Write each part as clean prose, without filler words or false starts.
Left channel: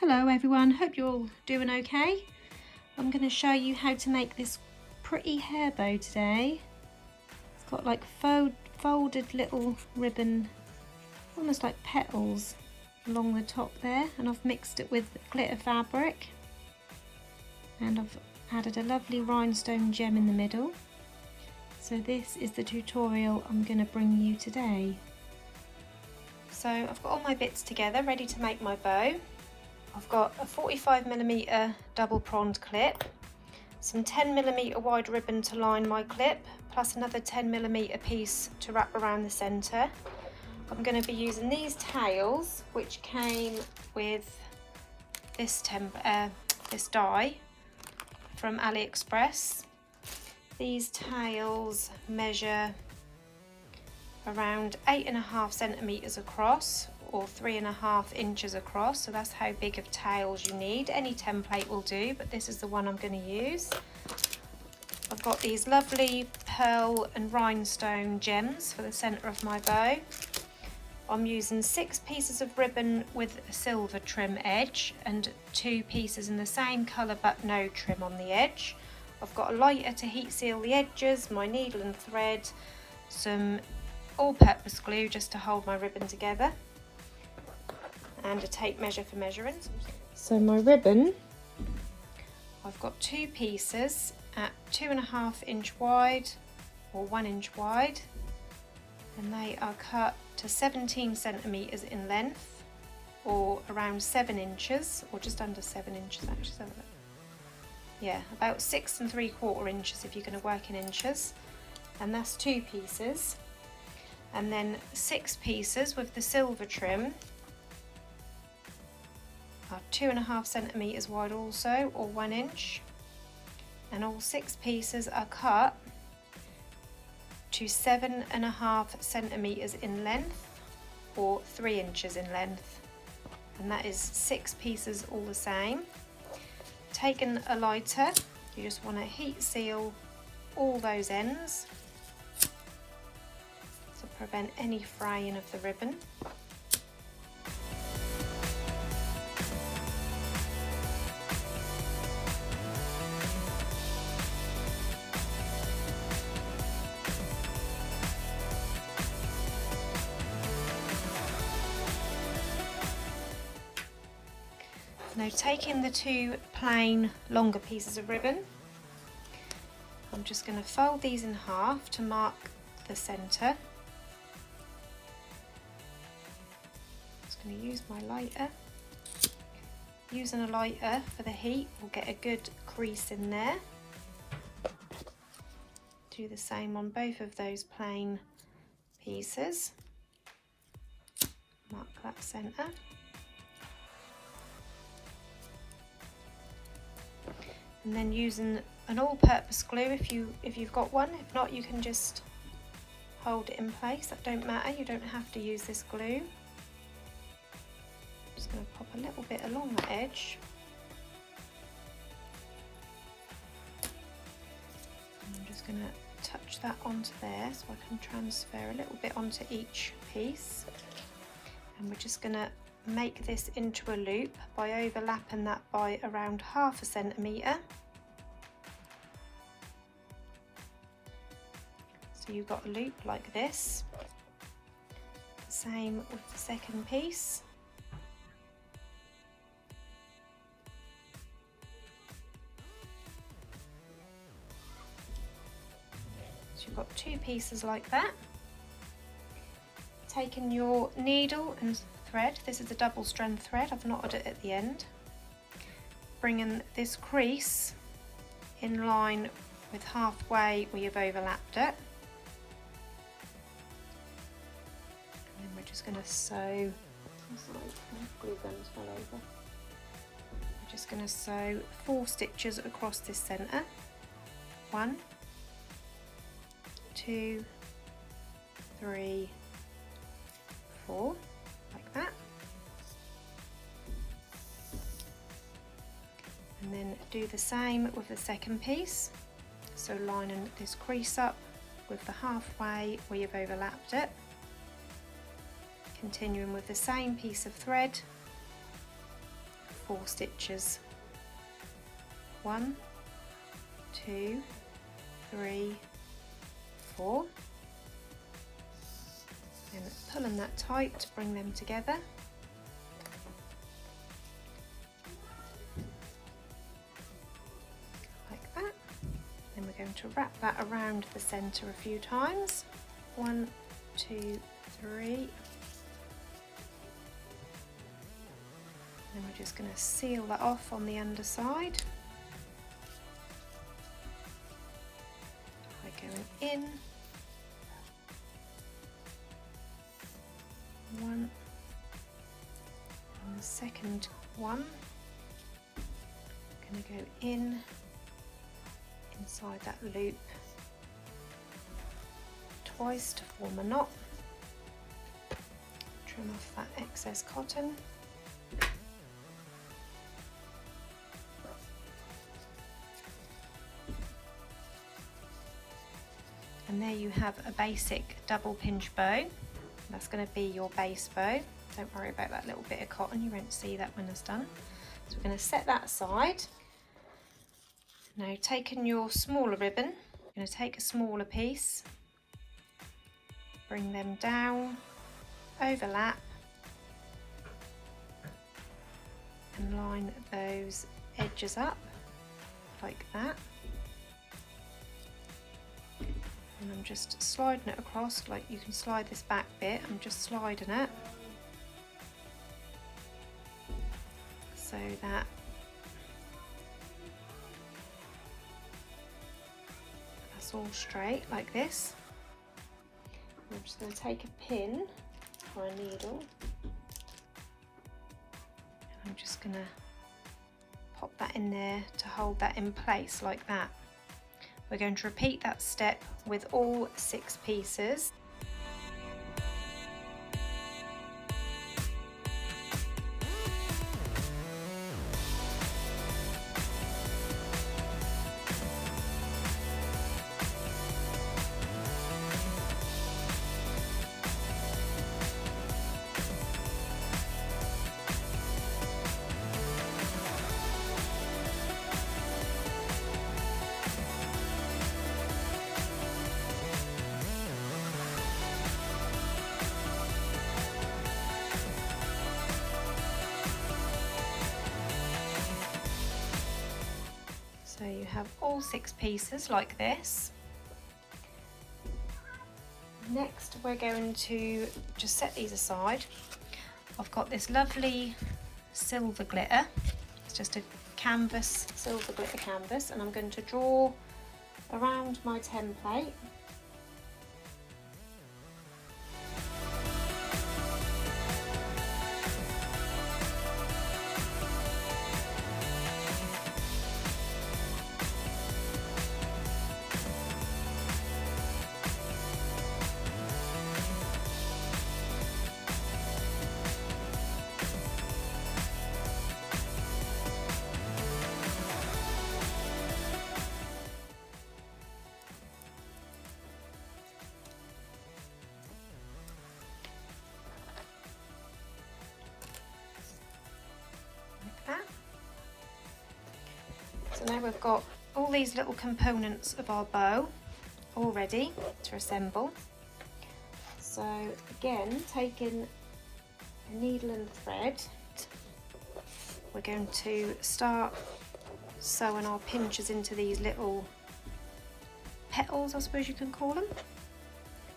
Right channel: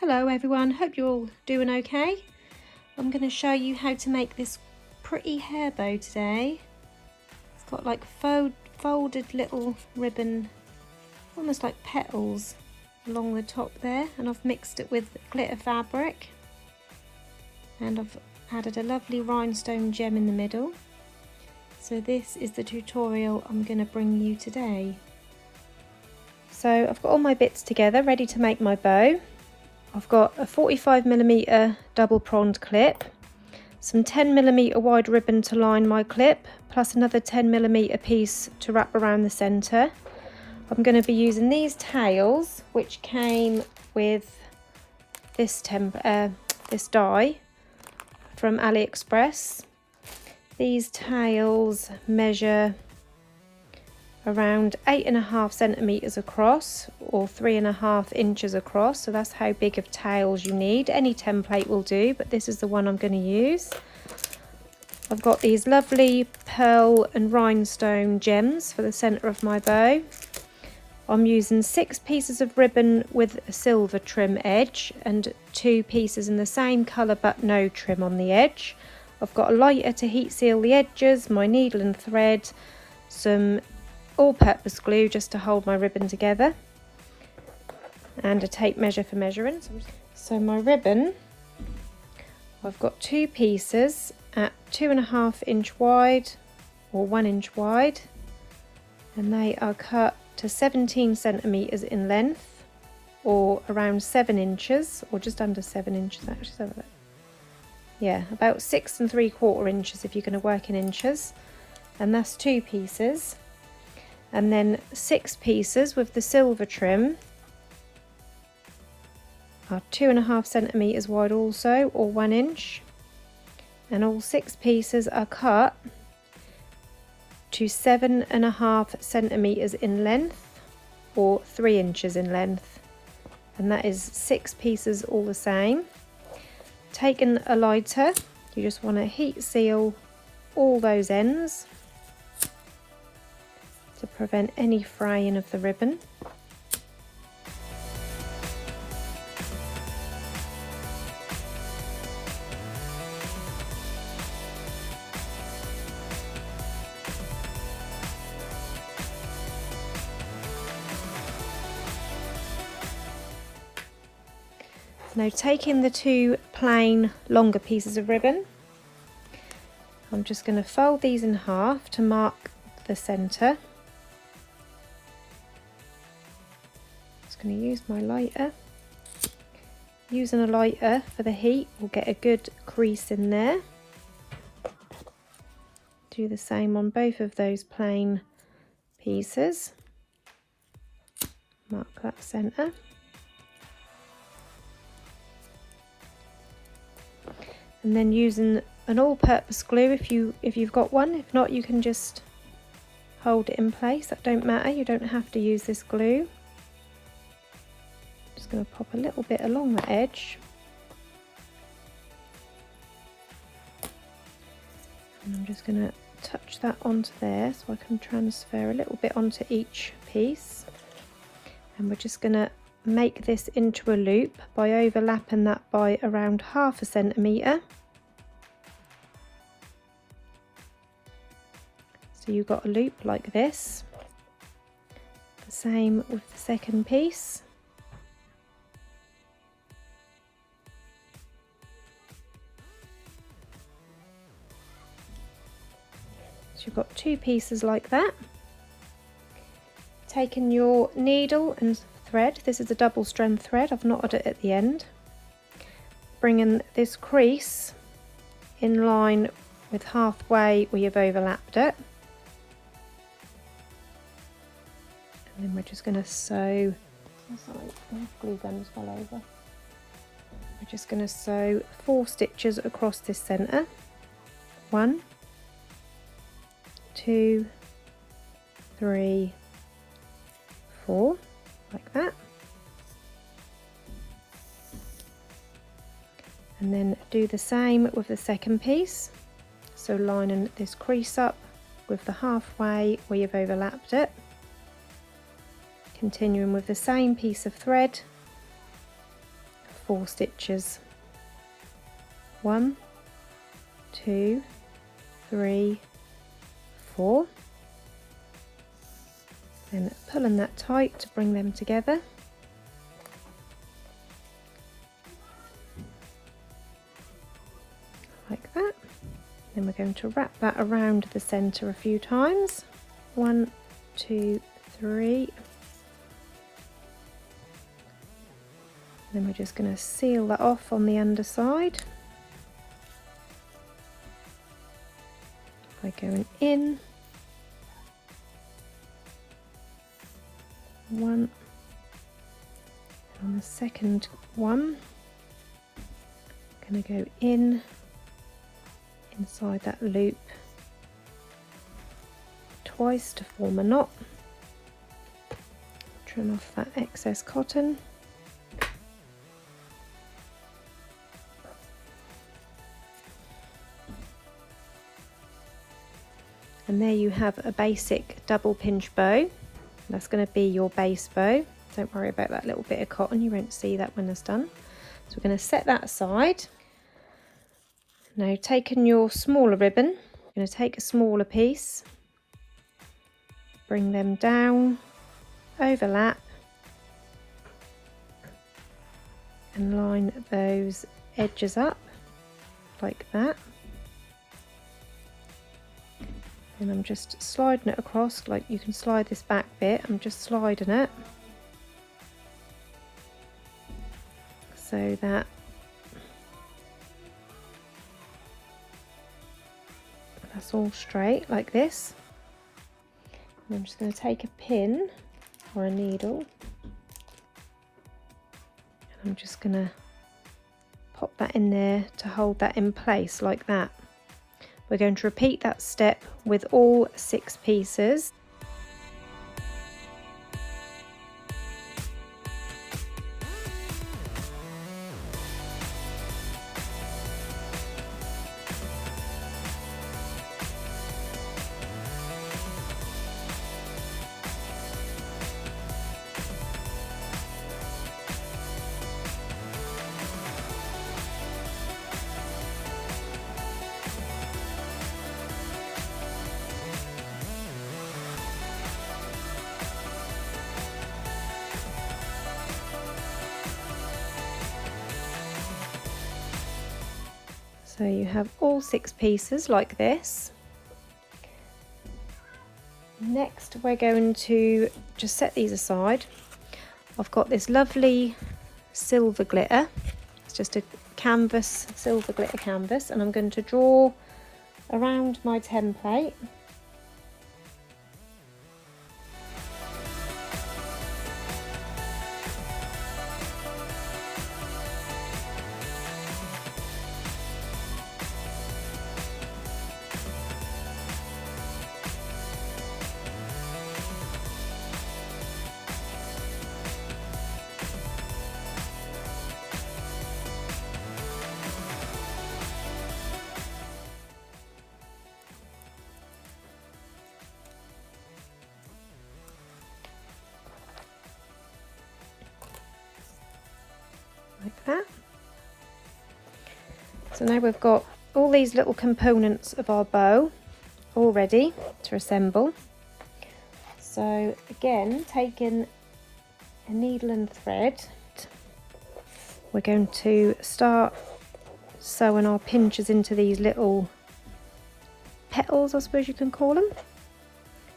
Hello everyone, hope you're all doing okay. I'm going to show you how to make this pretty hair bow today. It's got like folded little ribbon, almost like petals along the top there, and I've mixed it with glitter fabric, and I've added a lovely rhinestone gem in the middle. So this is the tutorial I'm going to bring you today. So I've got all my bits together ready to make my bow. I've got a 45mm double pronged clip, some 10mm wide ribbon to line my clip, plus another 10mm piece to wrap around the centre. I'm going to be using these tails, which came with this dye from AliExpress. These tails measure around 8.5 centimetres across, or 3.5 inches across, so that's how big of tails you need. Any template will do, but this is the one I'm going to use. I've got these lovely pearl and rhinestone gems for the centre of my bow. I'm using 6 pieces of ribbon with a silver trim edge and 2 pieces in the same colour but no trim on the edge. I've got a lighter to heat seal the edges, my needle and thread, some all-purpose glue just to hold my ribbon together, and a tape measure for measuring. So my ribbon, I've got 2 pieces at 2.5 inch wide or 1 inch wide, and they are cut to 17 centimetres in length, or around 7 inches, or just under 7 inches actually. Yeah, about 6 3/4 inches if you're going to work in inches, and that's 2 pieces. And then 6 pieces with the silver trim are 2.5 centimetres wide also, or 1 inch, and all 6 pieces are cut to 7.5 centimetres in length, or 3 inches in length, and that is 6 pieces all the same. Taking a lighter, you just want to heat seal all those ends to prevent any fraying of the ribbon. Now, taking the 2 plain longer pieces of ribbon, I'm just going to fold these in half to mark the centre. Just going to use my lighter. Using a lighter for the heat will get a good crease in there. Do the same on both of those plain pieces. Mark that centre. And then using an all-purpose glue if you've got one. If not, you can just hold it in place. That don't matter. You don't have to use this glue. Just going to pop a little bit along the edge. And I'm just going to touch that onto there so I can transfer a little bit onto each piece. And we're just going to make this into a loop by overlapping that by around 0.5 centimetre. So you've got a loop like this. The same with the second piece. So you've got 2 pieces like that. Taking your needle and thread, this is a double strand thread, I've knotted it at the end, bringing this crease in line with halfway where you've overlapped it, and then we're just going to sew. We're just going to sew 4 stitches across this centre. 1, 2, 3, 4. Like that, and then do the same with the second piece, so lining this crease up with the halfway where you've overlapped it, continuing with the same piece of thread 4 stitches. 1, 2, 3, 4, and pulling that tight to bring them together. Like that. Then we're going to wrap that around the centre a few times. 1, 2, 3. Then we're just going to seal that off on the underside by going in. 1, and the second one, going to go in inside that loop twice to form a knot. Trim off that excess cotton. And there you have a basic double pinch bow. That's going to be your base bow. Don't worry about that little bit of cotton, you won't see that when it's done. So we're going to set that aside. Now, taking your smaller ribbon, you're going to take a smaller piece, bring them down, overlap, and line those edges up like that. And I'm just sliding it across, like you can slide this back bit, I'm just sliding it so that that's all straight like this. And I'm just going to take a pin or a needle, and I'm just going to pop that in there to hold that in place like that. We're going to repeat that step with all 6 pieces. So you have all 6 pieces like this. Next we're going to just set these aside. I've got this lovely silver glitter. It's just a canvas, silver glitter canvas, and I'm going to draw around my template. Like that. So now we've got all these little components of our bow all ready to assemble. So again, taking a needle and thread, we're going to start sewing our pinchers into these little petals, I suppose you can call them.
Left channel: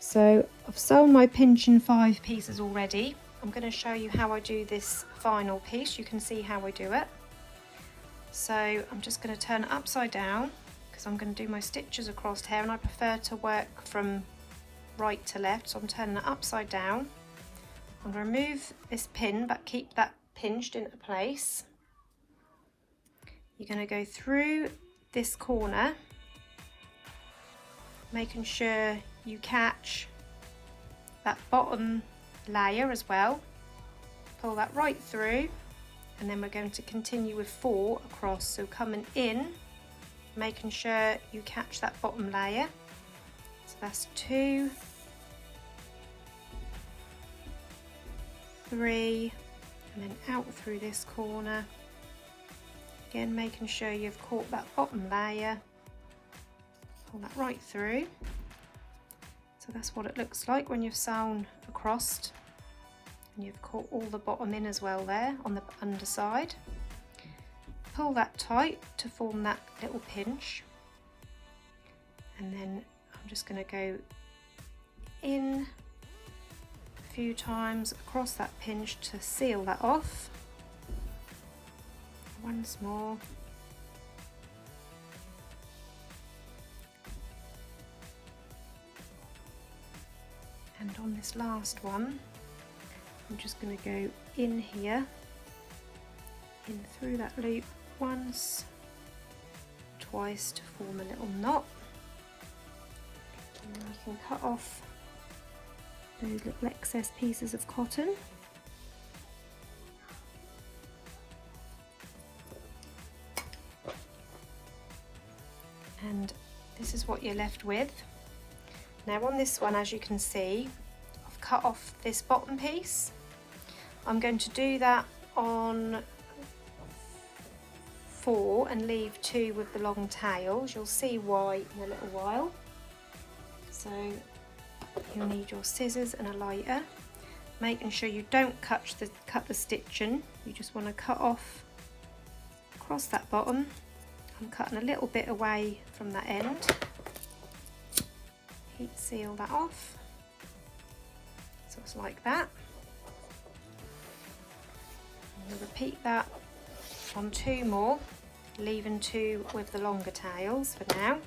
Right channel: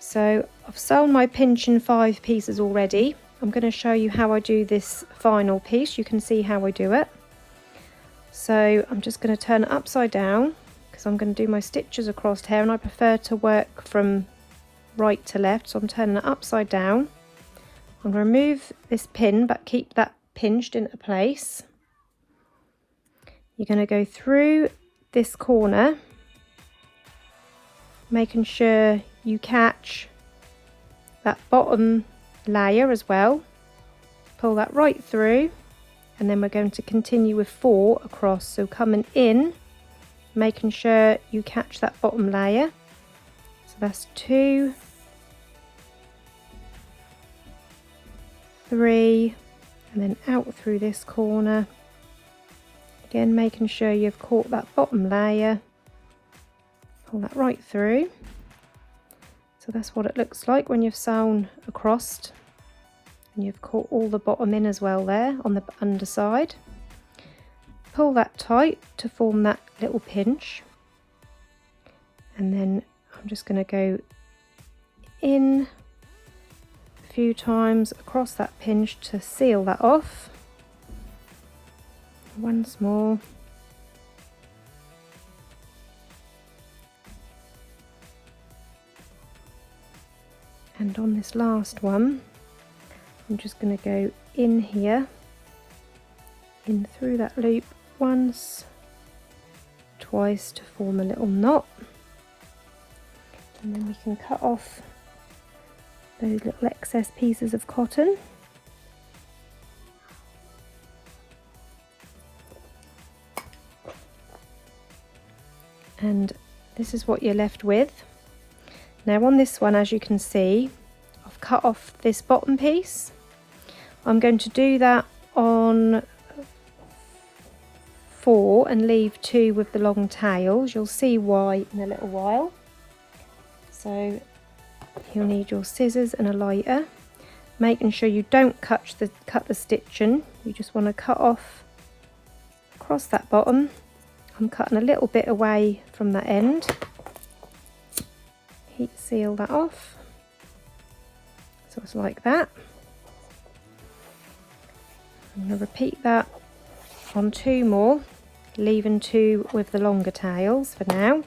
So I've sewn my pinch in 5 pieces already. I'm going to show you how I do this final piece. You can see how I do it. So I'm just going to turn it upside down because I'm going to do my stitches across here, and I prefer to work from right to left, so I'm turning it upside down. I'm going to remove this pin but keep that pinched into place. You're going to go through this corner, making sure you catch that bottom layer as well. Pull that right through, and then we're going to continue with 4 across, so coming in, making sure you catch that bottom layer. So that's 2, 3, and then out through this corner Again, making sure you've caught that bottom layer, pull that right through. So that's what it looks like when you've sewn across and you've caught all the bottom in as well there on the underside. Pull that tight to form that little pinch, and then I'm just going to go in a few times across that pinch to seal that off. Once more. And on this last one, I'm just going to go in here, in through that loop once, twice to form a little knot. And then we can cut off those little excess pieces of cotton. And this is what you're left with. Now on this one, as you can see, I've cut off this bottom piece. I'm going to do that on 4 and leave 2 with the long tails. You'll see why in a little while. So you'll need your scissors and a lighter, making sure you don't cut the stitching. You just want to cut off across that bottom. I'm cutting a little bit away from that end. Heat seal that off. So it's like that. I'm going to repeat that on 2 more, leaving 2 with the longer tails for now.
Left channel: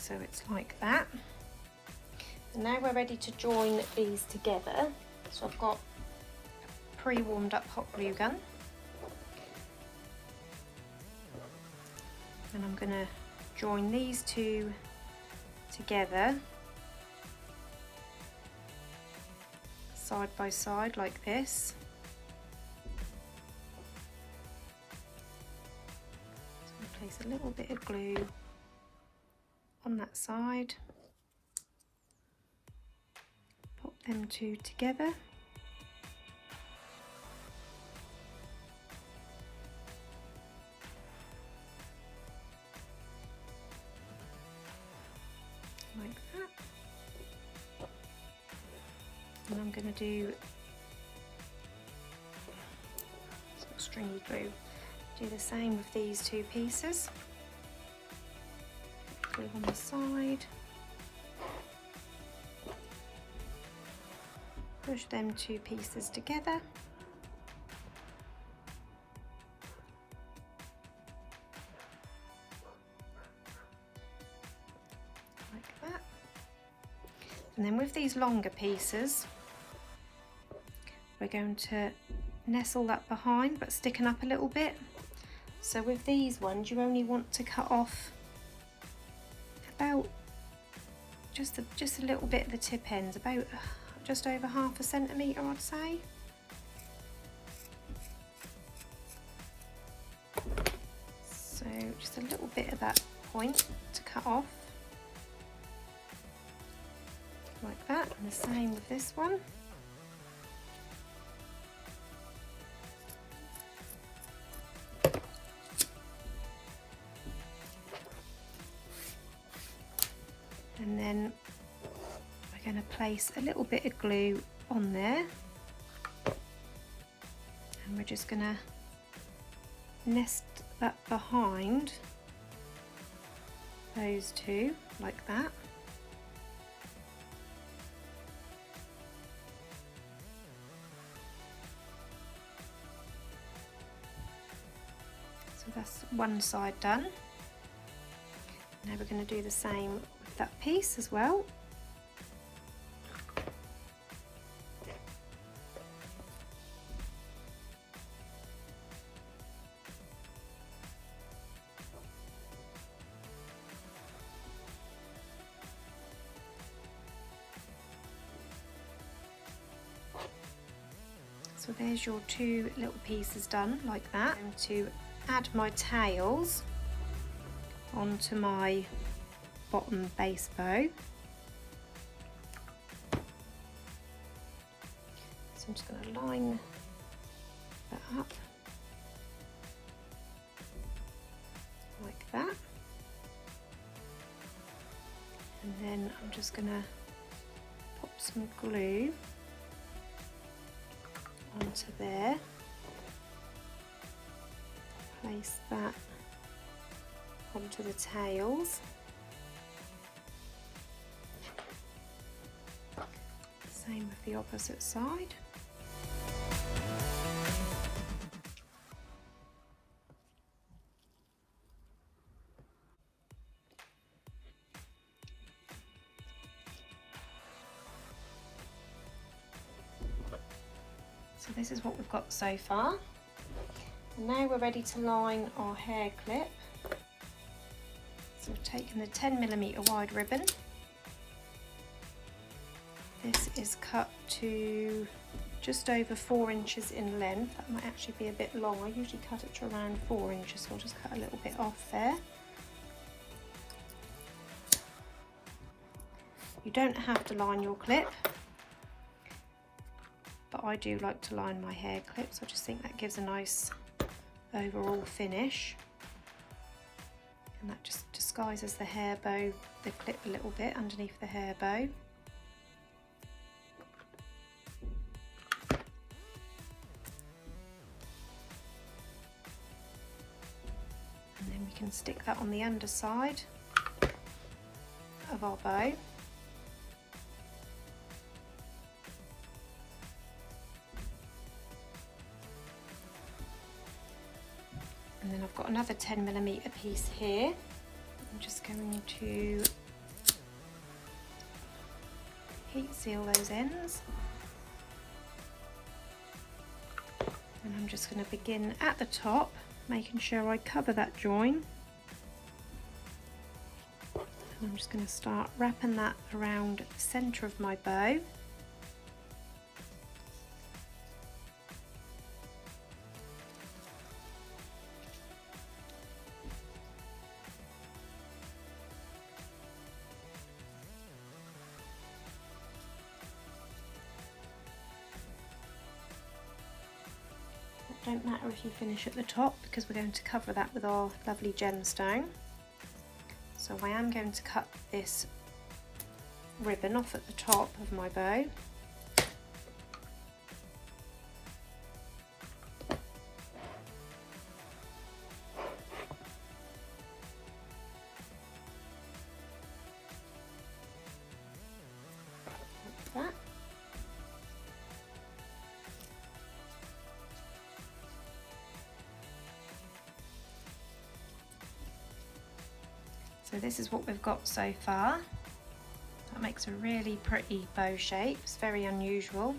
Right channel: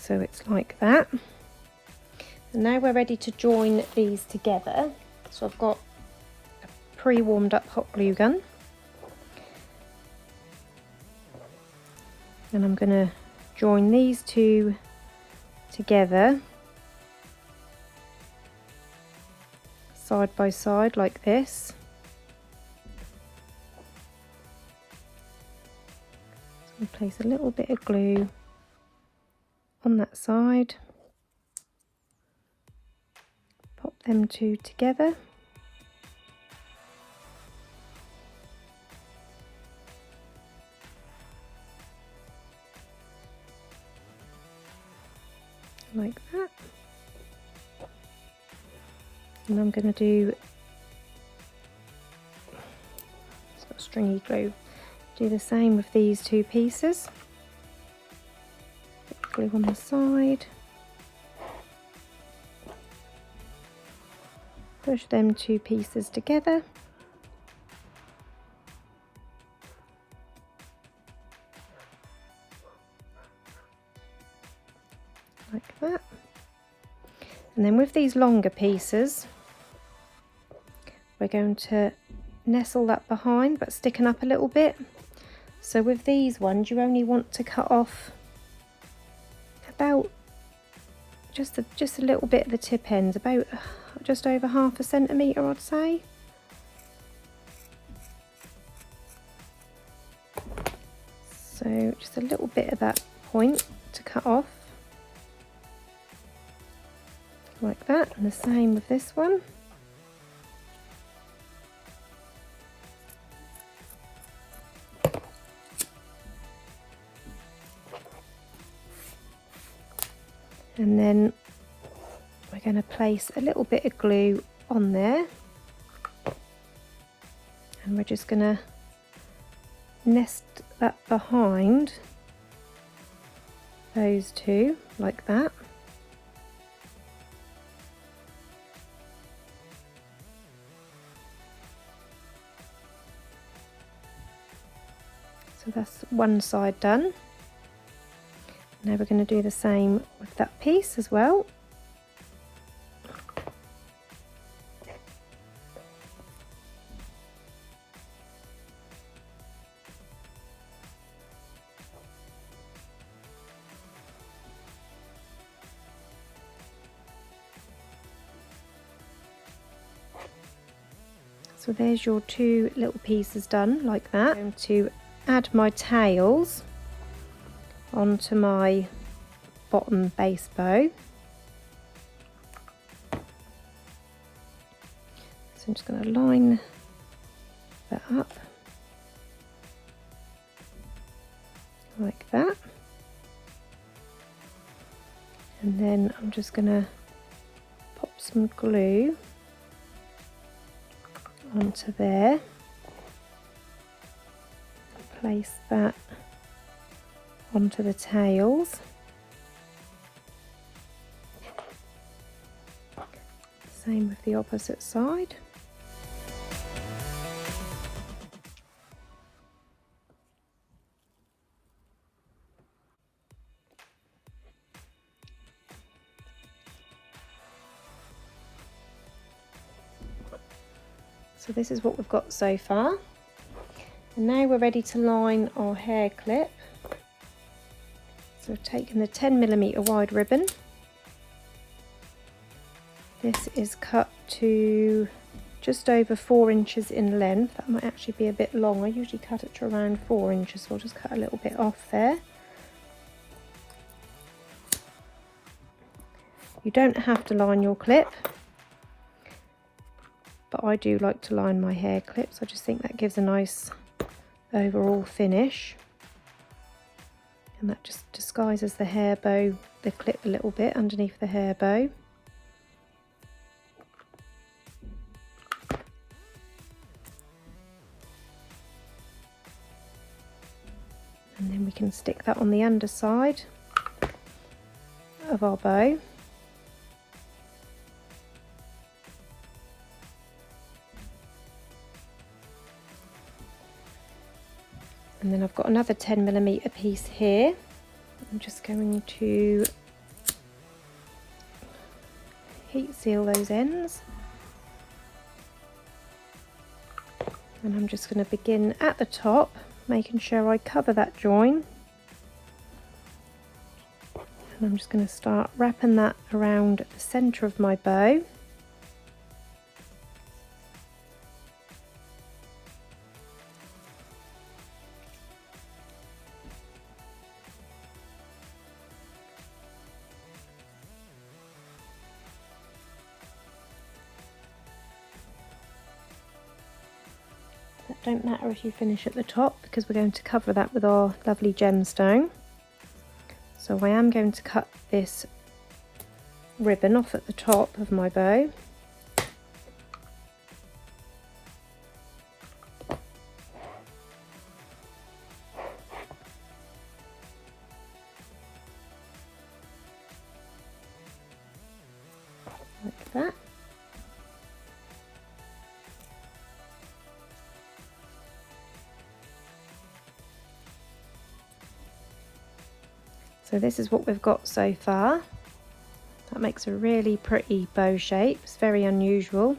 So it's like that. And now we're ready to join these together. So I've got a pre-warmed up hot glue gun. And I'm going to join these 2 together, side by side like this. So place a little bit of glue on that side, pop them 2 together, like that. And I'm going to do stringy glue. Do the same with these 2 pieces. Glue on the side, push them 2 pieces together, like that. And then with these longer pieces, we're going to nestle that behind, but sticking up a little bit. So with these ones, you only want to cut off about just a little bit at the tip ends, about just over ½ centimetre, I'd say. So just a little bit of that point to cut off, like that, and the same with this one. And then we're going to place a little bit of glue on there, and we're just going to nest that behind those 2 like that. So that's one side done. Now we're going to do the same with that piece as well. So there's your two little pieces done like that. I'm going to add my tails onto my bottom base bow. So I'm just going to line that up like that, and then I'm just going to pop some glue onto there, place that onto the tails, same with the opposite side. So this is what we've got so far. And now we're ready to line our hair clip. So I've taken the 10mm wide ribbon. This is cut to just over 4 inches in length. That might actually be a bit long. I usually cut it to around 4 inches, so I'll just cut a little bit off there. You don't have to line your clip, but I do like to line my hair clips. I just think that gives a nice overall finish, and that just disguises the hair bow, the clip a little bit underneath the hair bow. And then we can stick that on the underside of our bow. And then I've got another 10mm piece here. I'm just going to heat seal those ends. And I'm just going to begin at the top, making sure I cover that join. And I'm just going to start wrapping that around the centre of my bow. Don't matter if you finish at the top, because we're going to cover that with our lovely gemstone. So I am going to cut this ribbon off at the top of my bow. Like that. So this is what we've got so far. That makes a really pretty bow shape. It's very unusual.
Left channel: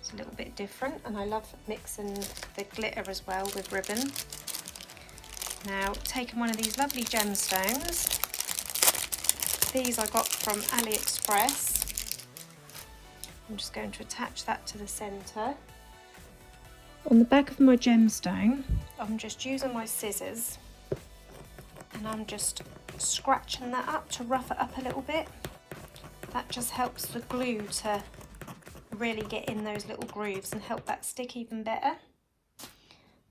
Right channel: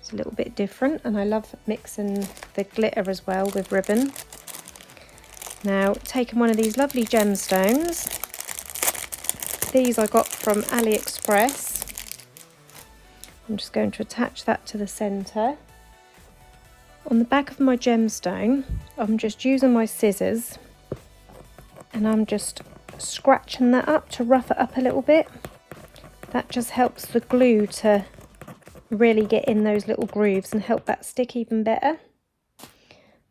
It's a little bit different, and I love mixing the glitter as well with ribbon. Now, taking one of these lovely gemstones. These I got from AliExpress. I'm just going to attach that to the centre. On the back of my gemstone, I'm just using my scissors, and I'm just scratching that up to rough it up a little bit. That just helps the glue to really get in those little grooves and help that stick even better.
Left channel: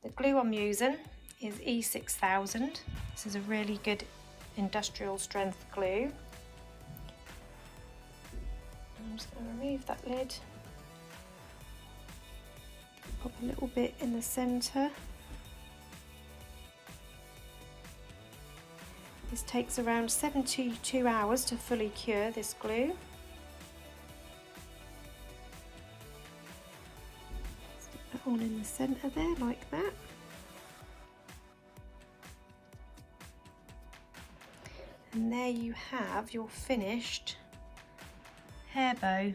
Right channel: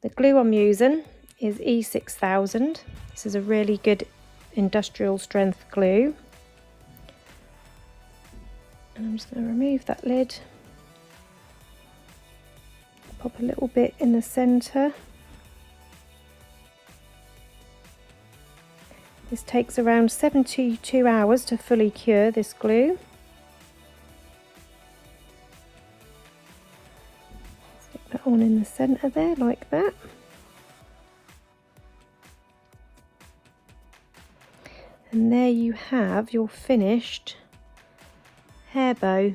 The glue I'm using is E6000. This is a really good industrial strength glue. And I'm just going to remove that lid, pop a little bit in the centre. This takes around 72 hours to fully cure this glue. Stick that on in the centre there like that. And there you have your finished hair bow.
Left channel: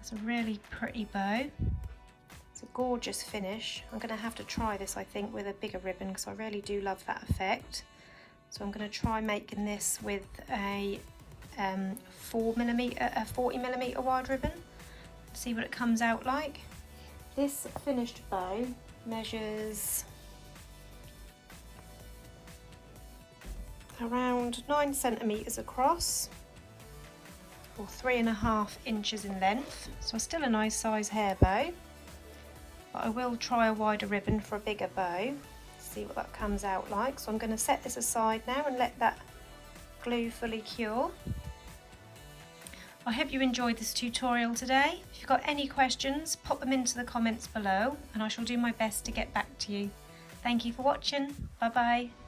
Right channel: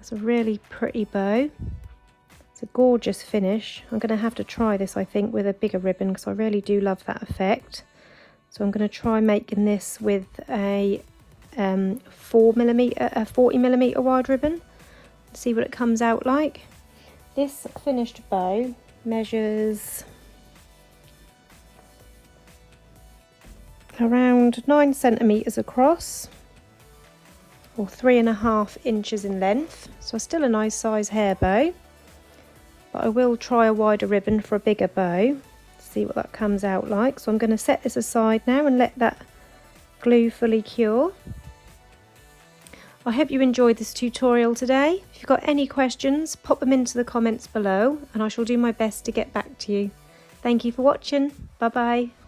It's a really pretty bow. It's a gorgeous finish. I'm going to have to try this, I think, with a bigger ribbon, because I really do love that effect. So I'm going to try making this with a 40mm wide ribbon. see what it comes out like. This finished bow measures around 9 centimetres across, or 3.5 inches in length, so still a nice size hair bow, but I will try a wider ribbon for a bigger bow, see what that comes out like. So I'm going to set this aside now and let that glue fully cure. I hope you enjoyed this tutorial today. If you've got any questions, pop them into the comments below and I shall do my best to get back to you. Thank you for watching. Bye bye.